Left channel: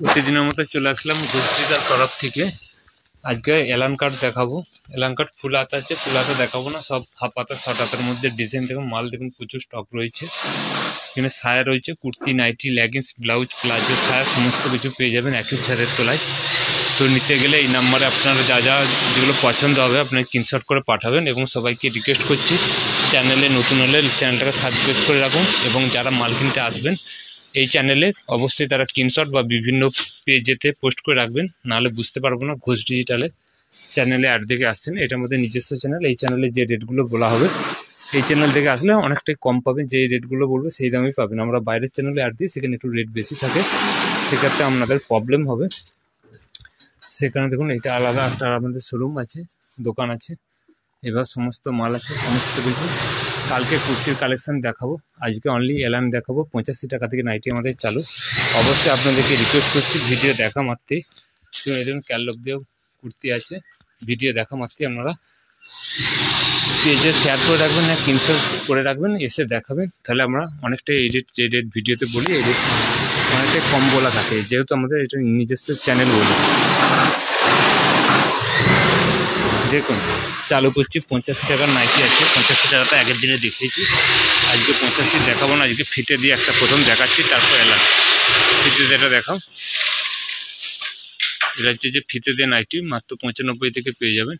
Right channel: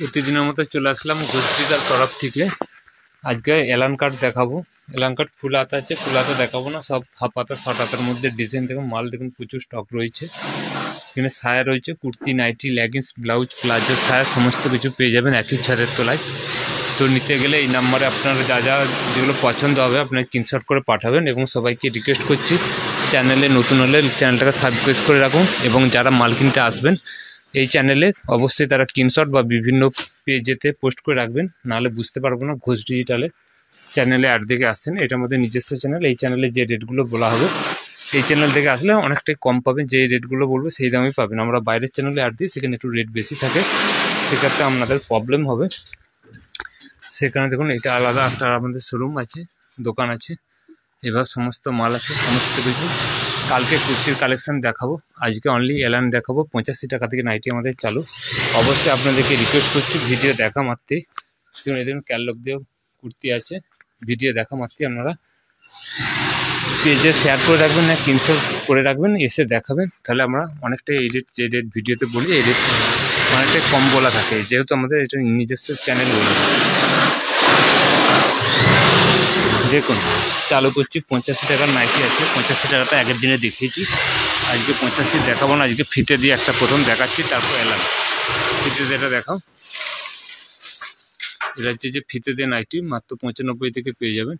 প্রতিদিনের মতো চলে আসলাম ঘোষডিটার তরফ থেকে। আজকে এলান কাট দেখাবো। এলান কাট ফুল হাতা আছে, ফুল হাতা দেখাবো না, সব হাফ হাতা শর্ট হাতার মধ্যে ডিজাইন দেখুন, মাল দেখুন প্রচুর স্টক রয়েছে। এখানে সায়া রয়েছে, kurti, nightie, leggings, blouse, palazzo, সায়া সমস্ত কিছু পেয়ে যাবেন একই ছাড়ের তলায়। তো নিতে গেলে এই নাম্বারে আপনারা যা যা যেগুলো পছন্দ হবে আপনারা স্ক্রিনশট করে পাঠাবেন। এবং সবাইকে রিকোয়েস্ট করছি চ্যানেলে নতুন হলে চ্যানেলটাকে সাবস্ক্রাইব করে রাখুন। এবং যারা মাল কিনতে আসবেন এই চ্যানেলে অবশ্যই তারা স্ক্রিনশট বা বিভিন্ন পেজেতে পোস্ট করে রাখবেন, নাহলে বুঝতে পারবো না ঘোষ ডিজিটালে চ্যানেলে অ্যাড দেখে আসছেন। এটার মধ্যে নিজস্ব চ্যানেল, এই চ্যানেলে যে রেটগুলো বলা হবে এই চ্যানেল থেকে আসলে অনেকটাই কম পাবেন, যে রেটগুলো বলবো সেই দামেই পাবেন। আমরা বাইরের চ্যানেলে অ্যাড দিই, সেখানে একটু রেট বেশি থাকে, সেক্ষেত্রে আপনাদের প্রবলেম হবে। সেখানে দেখুন এটা আলাদা একটা আমাদের শোরুম আছে, দোকান আছে, এবার সমস্ত মাল আছে, সমস্ত কিছু। কালকে কুর্তির কালেকশান দেখাবো, আজকে অনলি এলান দেখাবো। 85 টাকা থেকে নাইটি আমাদের চালু। অবশ্যই আপনাদেরকে রিকোয়েস্ট করছি ভিডিও দেখা মাত্রই, এই দেখুন ক্যাটলগ দিয়েও কুর্তি আছে, ভিডিও দেখা মাত্রই আপনারা পেজে শেয়ার করে রাখবেন না স্ক্রিনশট করে রাখবেন, এসে দেখাবেন। তাহলে আমরা অনেকটাই এই রেট, যে রেট ভিডিওতে বলি এই রেট অনেকটাই কম বলা থাকে, যেহেতু আমাদের এটা নিজস্ব চ্যানেল বলি। দেখুন চালু করছি, 85 টাকার নাইটি আছে। 85 টাকাটা আগের দিনে দেখিয়েছি, আজকে 85 দেখাবো না, আজকে ফিতে দিয়ে একটা প্রথম দেখাচ্ছি, তারপর এলান। ফিতে দিয়ে এটা দেখাও, এটা হচ্ছে যে ফিতে দিয়ে নাইটি মাত্র 95 থেকে পেয়ে যাবেন।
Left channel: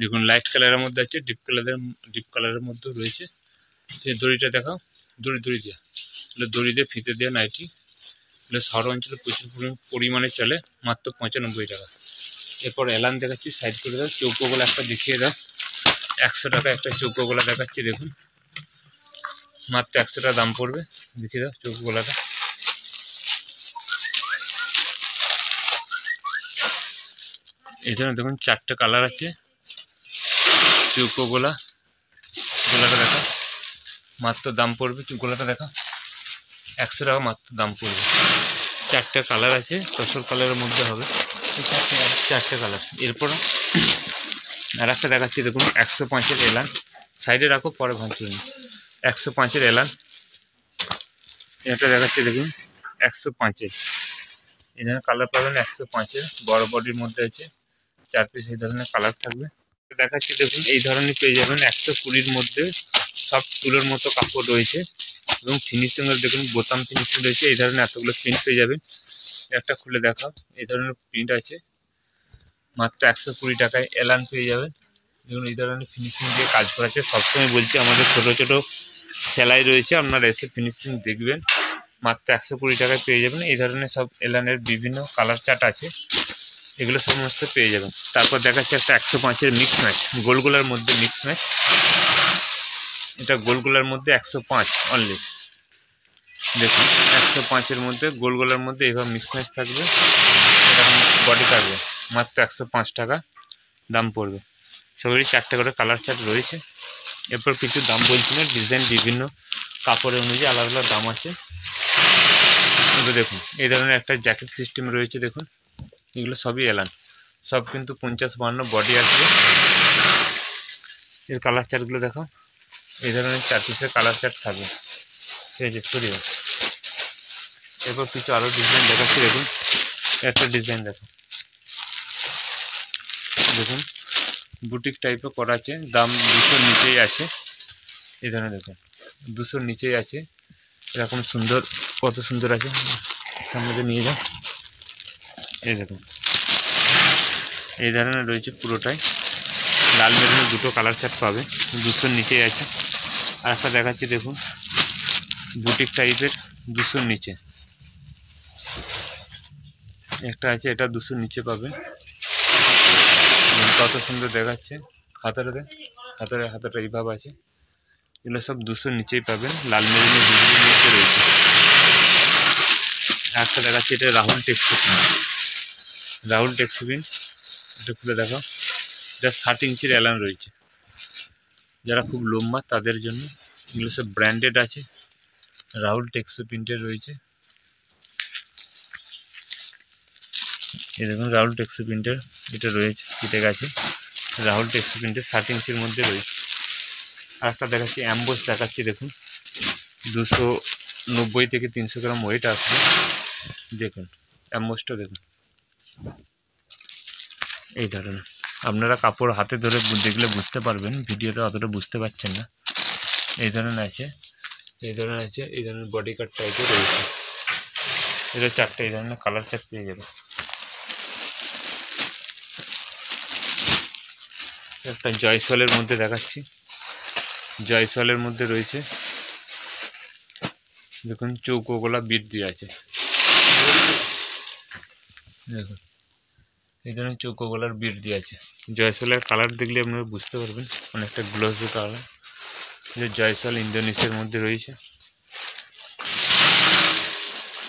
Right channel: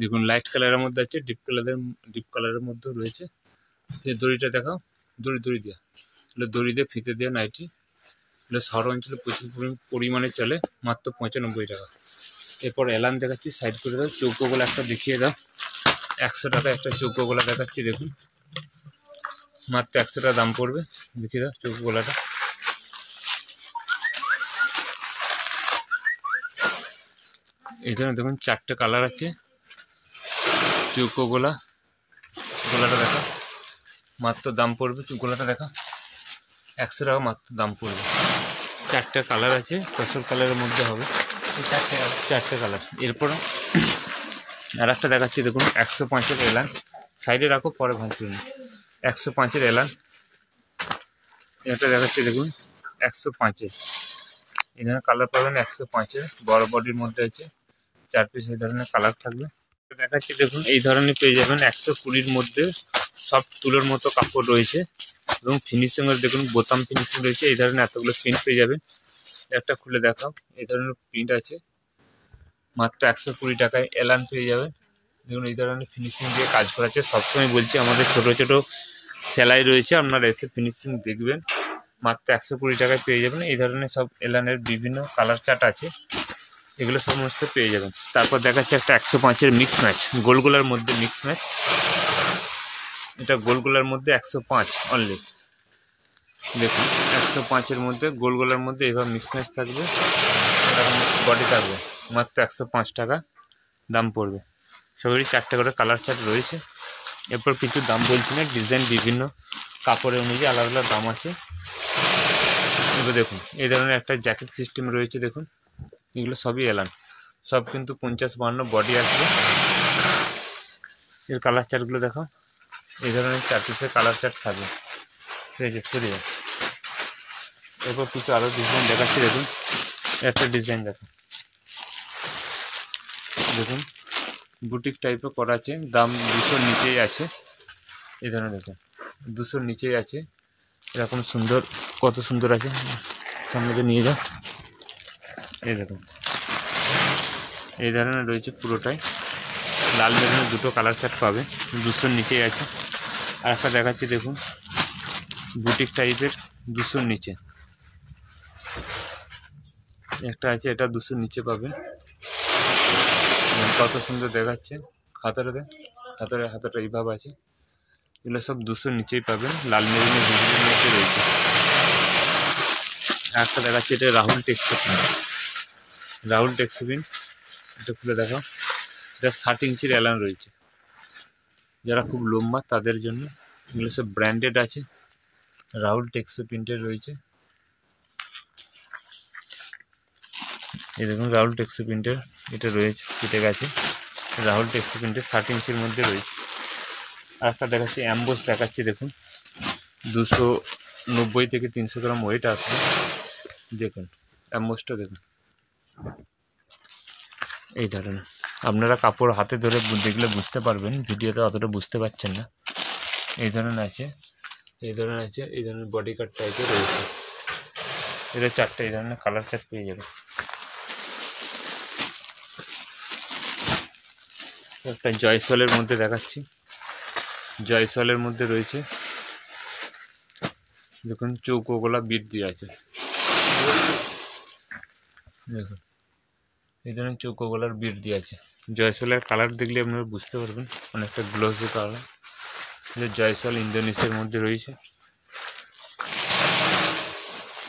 দেখুন লাইট কালারের মধ্যে আছে, ডিপ কালারের মধ্যেও রয়েছে। এই দড়িটা দেখাও, দড়ি দেওয়া, এগুলো দড়ি দিয়ে ফিতে দিয়ে নাইটি, এগুলো শহর অঞ্চলে প্রচুর পরিমাণে চলে, মাত্র 95 টাকা। এরপর এলান দেখাচ্ছি, সাইড করে দাও। চৌকোগুলো একটা দেখিয়ে দাও, 100 টাকা একটা চৌকোগুলা দেখাচ্ছি, দেখুন মাত্র 100 টাকা দাম পড়বে। দেখিয়ে দাও চৌকোগুলাটা, এই ধরনের দেখুন 4টে কালার আছে। চৌকোগুলা গোলাটা দেখো, মাত্র দাম পড়বে, গোলাটা দেখো 100 টাকা মাত্র দাম পড়বে। 4টে কালার আছে, তসর কালারের মধ্যে হবে, 4টে কালার। এরপর আর একটা দেখাচ্ছি, দেখুন 105-এর এলান, সাইডে রাখো পরে ভাঙচুর। 105-এর এলান এটা দেখাচ্ছি, দেখুন 105-এর, এই ধরনের কালার পাবেন। 105-এর বড় বডির মধ্যে আছে, 4 পিস এই ধরনের কালার থাকবে। দেখাচ্ছি দেখুন এই ধরনের পেয়ে যাবেন 120-র মধ্যে, সব তুলোর মতো কাপড় রয়েছে এবং ফিনিশিংয়ের দেখুন বোতাম ফিনিশিং রয়েছে। এই ধরনের এতগুলো প্রিন্ট পেয়ে যাবেন। একটা খুলে দেখাও, এই ধরনের প্রিন্ট আছে, মাত্র 120 টাকায় এলান পেয়ে যাবেন। দেখুন এই ধরনের ফিনিশিং দিয়ে কাজ করা আছে। সবসময় বলছি আমাদের ছোট ছোট সেলাই রয়েছে, আপনারা এসে ফিনিশিং দেখবেন। মাত্র 120 টাকায় পেয়ে যাবেন। এই ধরনের সব এলানের বিভিন্ন কালার চার্ট আছে, এগুলো সমস্ত পেয়ে যাবেন। তারপর দেখাচ্ছে একটা 105-এর মিক্স ম্যাচ, গোলগোলার মধ্যে মিক্স ম্যাচ, এটা গোলগোলার মধ্যে 105 অনলি। দেখুন 105-এর মধ্যে গোলগোলার মধ্যে এভাবে মিক্স ম্যাচ থাকবে, এরকম বডি থাকবে, মাত্র 105 টাকা দাম পড়বে। সবারই 4টে করে কালার চার্ট রয়েছে। এরপর কিছু দাম বলছি না, ডিজাইন বিভিন্ন কাপড়ের অনুযায়ী আলাদা আলাদা দাম আছে। এবার দেখুন এই ধরনের একটা জ্যাকেট সিস্টেম রয়েছে, দেখুন এগুলো সবই এলান, সব কিন্তু 50-52 বডি আসবে। এর কালার চার্টগুলো দেখো, এই ধরনের 4 পিসের কালার চার্ট থাকবে, ঠিক আছে সরিয়ে। এরপর কিছু আরও ডিজাইন দেখাচ্ছি, দেখুন একটা ডিজাইন দেখো, দেখুন বুটিক টাইপের করা আছে, দাম 200-র নিচেই আছে। এই ধরনের দেখুন 200-র নিচেই আছে, এরকম সুন্দর, কত সুন্দর আছে, সামনে নিয়ে যাও। এই দেখুন এই ধরনের রয়েছে পুরোটাই, লাল মেরুনের দুটো কালার চার্ট পাবে, 200-র নিচেই আছে। আর একটা দেখাচ্ছি দেখুন বুটিক টাইপের, 200-র নিচে একটা আছে, এটা 200-র নিচে পাবেন। কত সুন্দর দেখাচ্ছে, হাতাটা এইভাবে আছে, এগুলো সব 200-র নিচেই পাবেন, লাল মেরুনের বিজলির মধ্যে রয়েছে। একটা দেখাচ্ছে, এটা রাহুল টেক্সপিন, এটা খুলে দেখো, এটা 60 ইঞ্চির এলান রয়েছে, যারা খুব লম্বা তাদের জন্য। এগুলো সব ব্র্যান্ডেড আছে, রাহুল টেক্সপিন্টের রয়েছে। এই দেখুন রাহুল টেক্সপিন্টের এটা রয়েছে, কেটে গেছে, রাহুল টেক্সপিন্টের 60 ইঞ্চির মধ্যে রয়েছে। আর একটা দেখাচ্ছি অ্যাম্বোস দেখাচ্ছি, দেখুন 290 থেকে 300 গ্রাম ওয়েট আসবে। দেখুন অ্যাম্বোসটা দেখুন এই ধরনের। আপনারা কাপড় হাতে ধরে দেখলে বুঝতে পারবেন, ভিডিওতে অতটা বুঝতে পারছেন না। এই ধরনের আছে, এই ধরনের আছে, এই ধরনের বডি কাট টাইপের রয়েছে। এটা 4টে এই ধরনের কালার চার্ট পেয়ে যাবে। একটা জয়সওয়ালের মধ্যে দেখাচ্ছি, জয়সওয়ালের মধ্যে রয়েছে দেখুন চৌকো গলা বিট দিয়ে আছে। দেখুন এই ধরনের চৌকো গলার বিট দিয়ে আছে। জয়সওয়ালের কালার দেখলে আপনারা বুঝতে পারবেন, অনেকটা গ্লোসি কালার। যে জয়সওয়াল ইন্দোনেশিয়ার মধ্যে রয়েছে।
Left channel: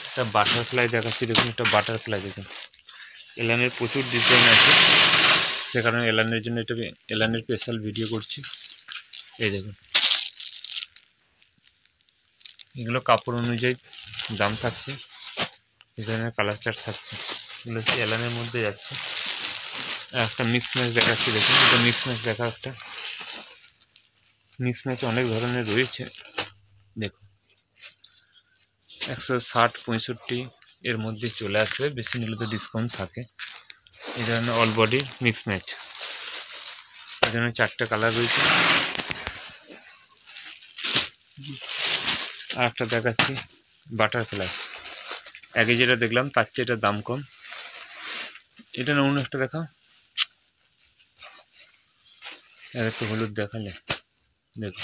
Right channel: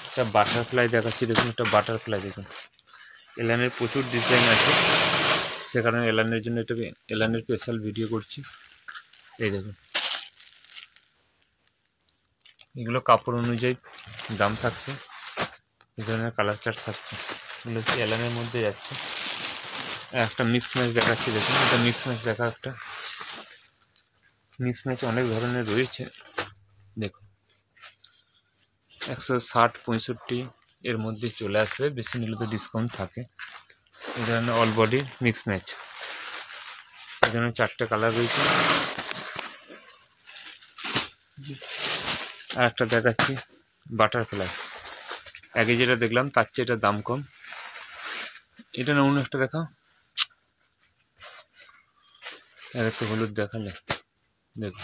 একটা বাটারফ্লাই দেখাচ্ছি দেখুন, একটা বাটারফ্লাই দেখুন। এলানের প্রচুর ডিজাইন আছে, সে কারণে এলানের জন্য এটা এলানের স্পেশাল ভিডিও করছি। এই দেখুন এগুলো কাপড় অনুযায়ী দাম থাকছে, এই ধরনের কালার চার্ট থাকছে। এগুলো হচ্ছে এলানের মধ্যে যাচ্ছে। একটা মিক্স ম্যাচ দেখাচ্ছি দেখুন, এটা মিক্স ম্যাচ দেখা, একটা মিক্স ম্যাচ অনেক ধরনের রয়েছে দেখুন। 160-65 এর মধ্যে চলে আসবে, বেশি নিলে তো ডিসকাউন্ট থাকে। এই ধরনের অল বডি মিক্স ম্যাচ, এই ধরনের 4টে কালার রয়েছে। আর একটা দেখাচ্ছি বাটারফ্লাই, আগে যেটা দেখলাম তার চেয়ে এটা দাম কম। এটা না অন্য একটা দেখাও, আর একটু হলুদ দেখালে দেখুন।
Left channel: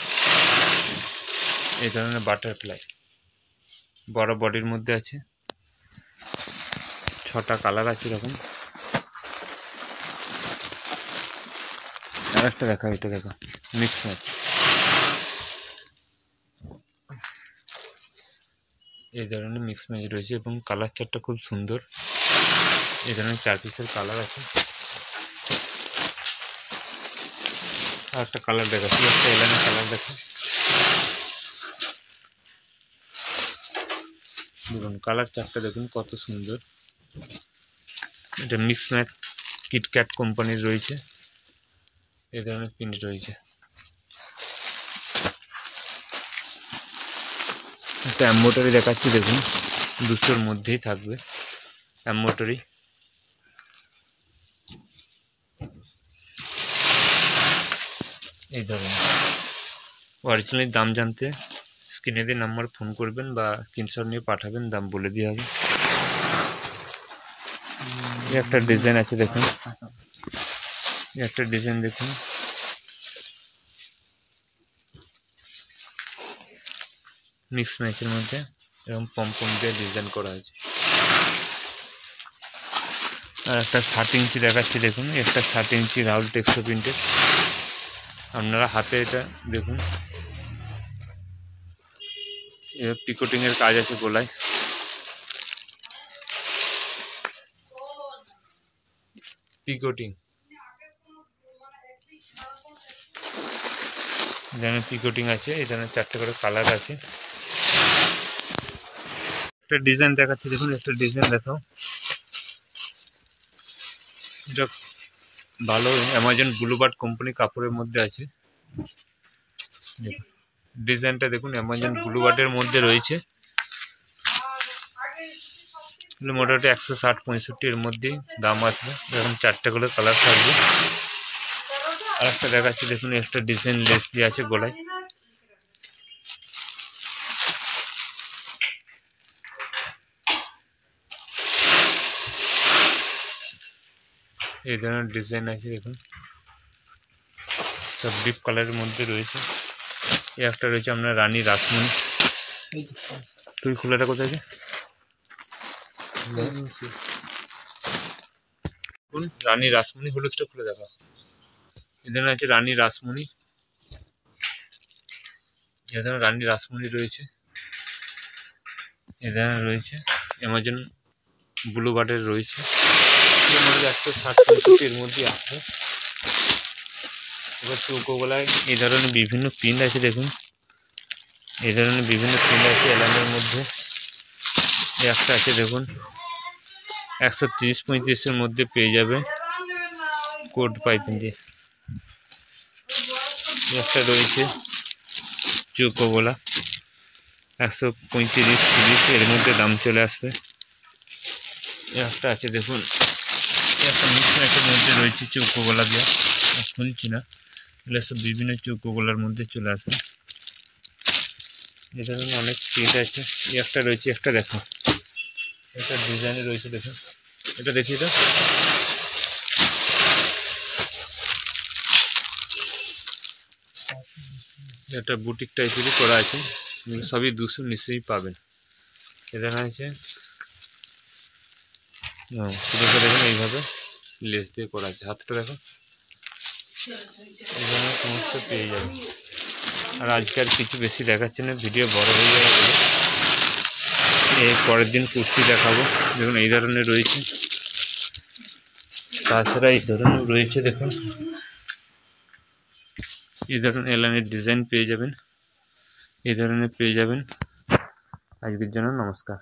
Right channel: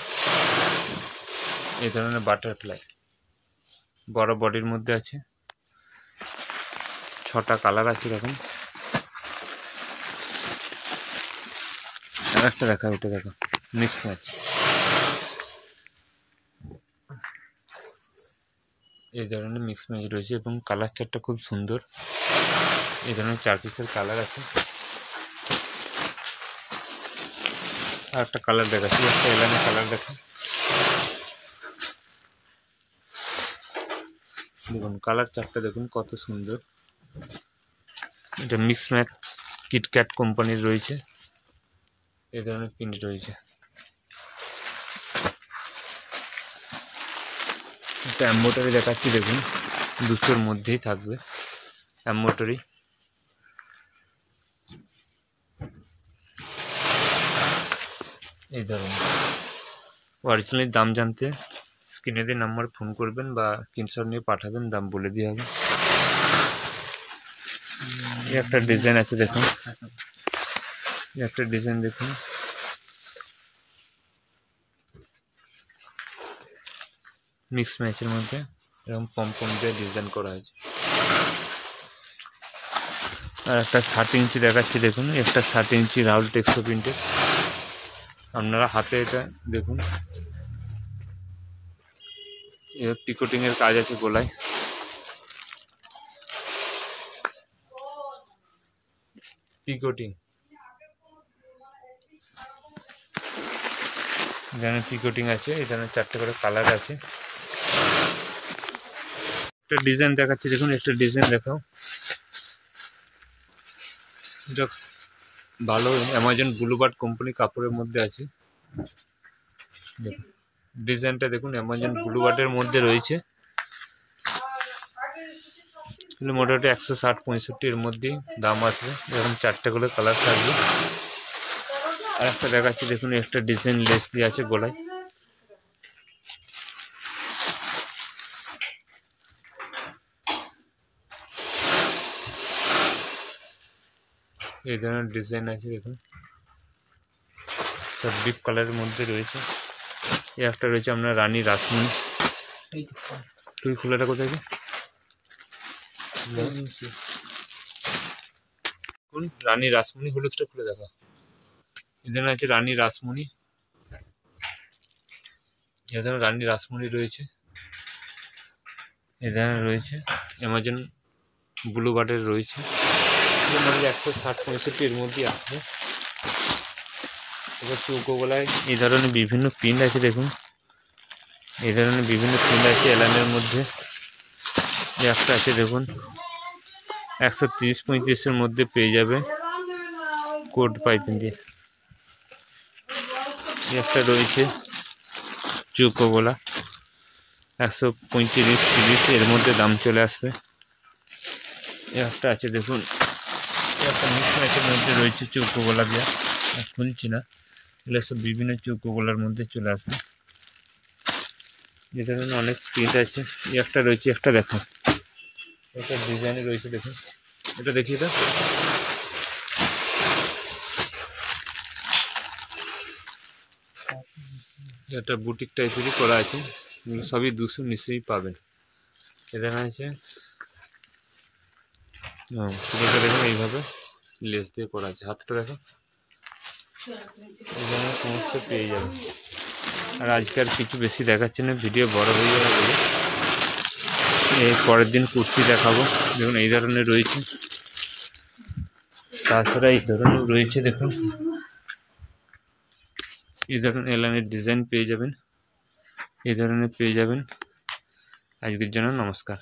এই ধরনের বাটারফ্লাই বড় বডির মধ্যে আছে, 6টা কালার আছে এরকম। আর একটা দেখা, এটা দেখো মিক্স ম্যাচ। এই ধরনের মিক্স ম্যাচ রয়েছে এবং কালার চারটা খুব সুন্দর। এই ধরনের 4 পিসের কালার আছে। আর একটা কালার দেখাচ্ছি, একটা এলানের কালার দেখো দেখুন, কালার চারটা দেখুন কত সুন্দর। এটা মিক্স ম্যাচ কিটক্যাট কোম্পানির রয়েছে, এই ধরনের প্রিন্ট রয়েছে। একটা এমব্রয়ডারি দেখাচ্ছি দেখুন, 200-র মধ্যেই থাকবে এমব্রয়ডারি। এই ধরনের অরিজিনাল দাম জানতে স্ক্রিনে দিয়ে নাম্বার ফোন করবেন বা স্ক্রিনশট নিয়ে পাঠাবেন, দাম বলে দেওয়া হবে। এই একটা ডিজাইন আছে দেখুন, এই একটা ডিজাইন দেখুন, মিক্স ম্যাচের মধ্যে এরকম পম দিয়ে ডিজাইন করা হয়েছে। আর একটা 7 ইঞ্চি দেখাচ্ছি দেখুন, একটা 7 ইঞ্চি রাউল টেক্সো প্রিন্টের। আপনারা হাতে এটা দেখুন, এর পিকোটিংয়ের কাজ আছে গলায়। পিকোটিং, এখানে পিকোটিং আছে, এখানে 4টে করে কালার আছে। একটা ডিজাইন দেখাচ্ছি দেখুন, একটা ডিজাইন দেখাও। এটা ভালো অ্যামাজন ব্লুবার্ড কোম্পানি কাপড়ের মধ্যে আছে। দেখুন ডিজাইনটা দেখুন, অ্যামাজন ব্লুবার্ডের মধ্যে রয়েছে। মোটামুটি 160-65 এর মধ্যেই দাম আসবে, এরকম 4টে করে কালার থাকবে। আর একটা দেখাচ্ছি দেখুন, একটা ডিজাইন লেস দিয়ে আছে গলায়। এই ধরনের ডিজাইন আছে দেখুন, সব ডিপ কালারের মধ্যে রয়েছে। এই একটা রয়েছে আপনার রানী রাসমণি। তুই খোলাটা কোথায় আছে? রানী রাসমণি, হলুদটা খুলে দেখা। এখানে আছে রানী রাসমণি, এখানে রানী রাসমণি রয়েছে। এখানে রয়েছে অ্যামাজন ব্লুবার্ডের রয়েছে। মোটামুটি 160-65 এর মধ্যে আসবে। এবার চৌকো গলায় এই ধরনের বিভিন্ন প্রিন্ট আছে দেখুন, এই ধরনের বিভিন্ন প্রিন্ট আছে এলানের মধ্যে। একটা আছে দেখুন 130-35 এর মধ্যে পেয়ে যাবে কোড পাইপিং দিয়ে। একটা রয়েছে চৌকো গলা 135-30 এর মধ্যে দাম চলে আসবে। এই একটা আছে দেখুন, এই একটা মিক্সম্যাচের মধ্যে রয়েছে চৌকো গলা দেওয়া, খুলছি না, এগুলো সব বিভিন্ন চৌকো গলার মধ্যে চলে আসবে। এই ধরনের অনেক প্রিন্ট আছে। এই একটা রয়েছে, একটা দেখো, এটা ডিজাইনে রয়েছে দেখুন, এটা দেখিয়ে দাও। এটা বুটিক টাইপেরই করা আছে, এগুলো সবই 200 নিশ্চয়ই পাবেন। এখানে আছে পুরোটা দেখুন এইভাবে লেস দিয়ে করা আছে, হাতটা দেখো, এখানে সমস্ত পেয়ে যাবে। আর আজকে আর কিছু বেশি দেখাচ্ছে না, ভিডিও বড় হয়ে যাবে বলে। এই পরের দিন কুর্তি দেখাবো, দেখুন এই ধরনের রয়েছে, তাছাড়া এই ধরনের রয়েছে দেখুন, এই ধরনের এলানের ডিজাইন পেয়ে যাবেন, এই ধরনের পেয়ে যাবেন। আজকের জন্য নমস্কার।